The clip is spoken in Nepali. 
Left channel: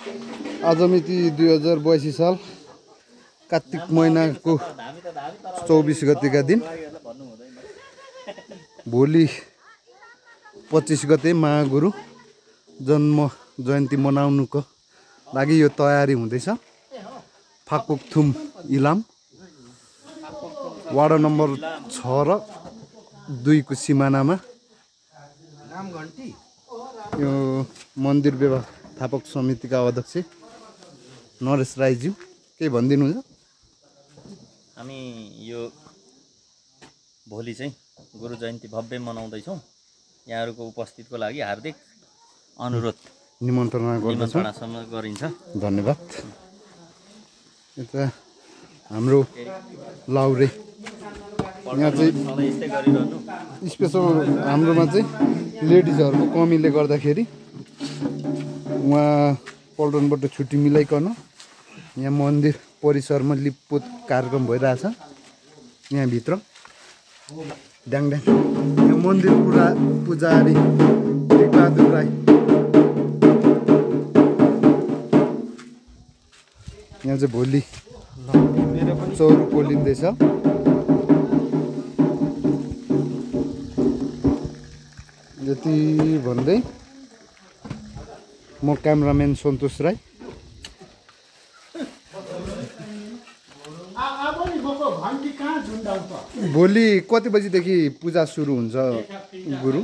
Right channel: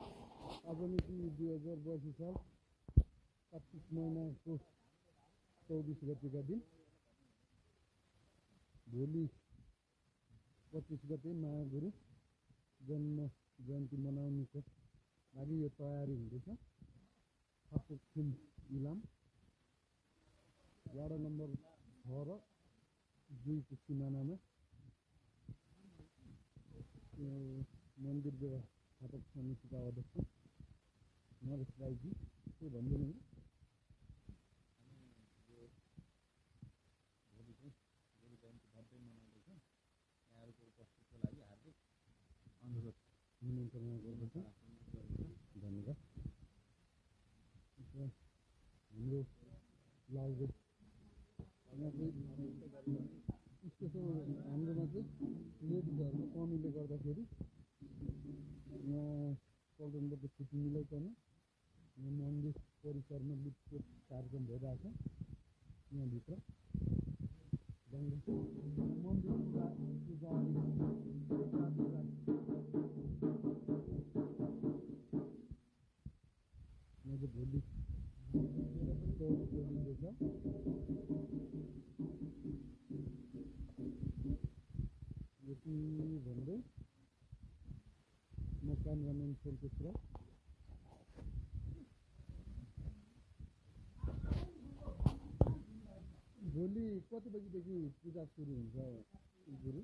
आज मिति 2082 साल कार्तिक महिनाको 24 गतेका दिन भोलि 25 गते महागुरु जन्म जयन्ती मनाउनुको लागि यो तयारी हुँदैछ। फाक्पोकथुम इलाम वार्ड नम्बर 6 र 2 को सिमानामा यो मन्दिर व्यवस्थापक समितिका अध्यक्ष नरेश राईज्यू के भनिदिनुहुन्छ? हामी यो भोलि चाहिँ गुरु जयन्ती भव्य मनाउँदैछौँ। यहाँहरूको उपस्थितिको लागि हार्दिक अनुरोध निमन्त्रणा गरिन्छ। धन्यवाद। यता हाम्रो लाउरे यहाँ चाहिँ स्पेसल हाम्रोमा चाहिँ लेडिजहरूको कमीले गर्दाखेरि उहाँ पल्टनबाट छुट्टी मिलाइकन यहाँ मन्दिर परिसरमा लिपपोत कार्यक्रम भइरहेछ। यहाँभित्र ड्याङड्याङ यहाँ मन्दिर पुजारी टेकबहादुर राई यहाँ चाहिँ भोलि चौरो पोलिँदैछ। यति भन्दै म क्यामराम्यान सन्तोष राई भोलि कति बजीदेखि पूजा सुरु हुन्छ गुरु?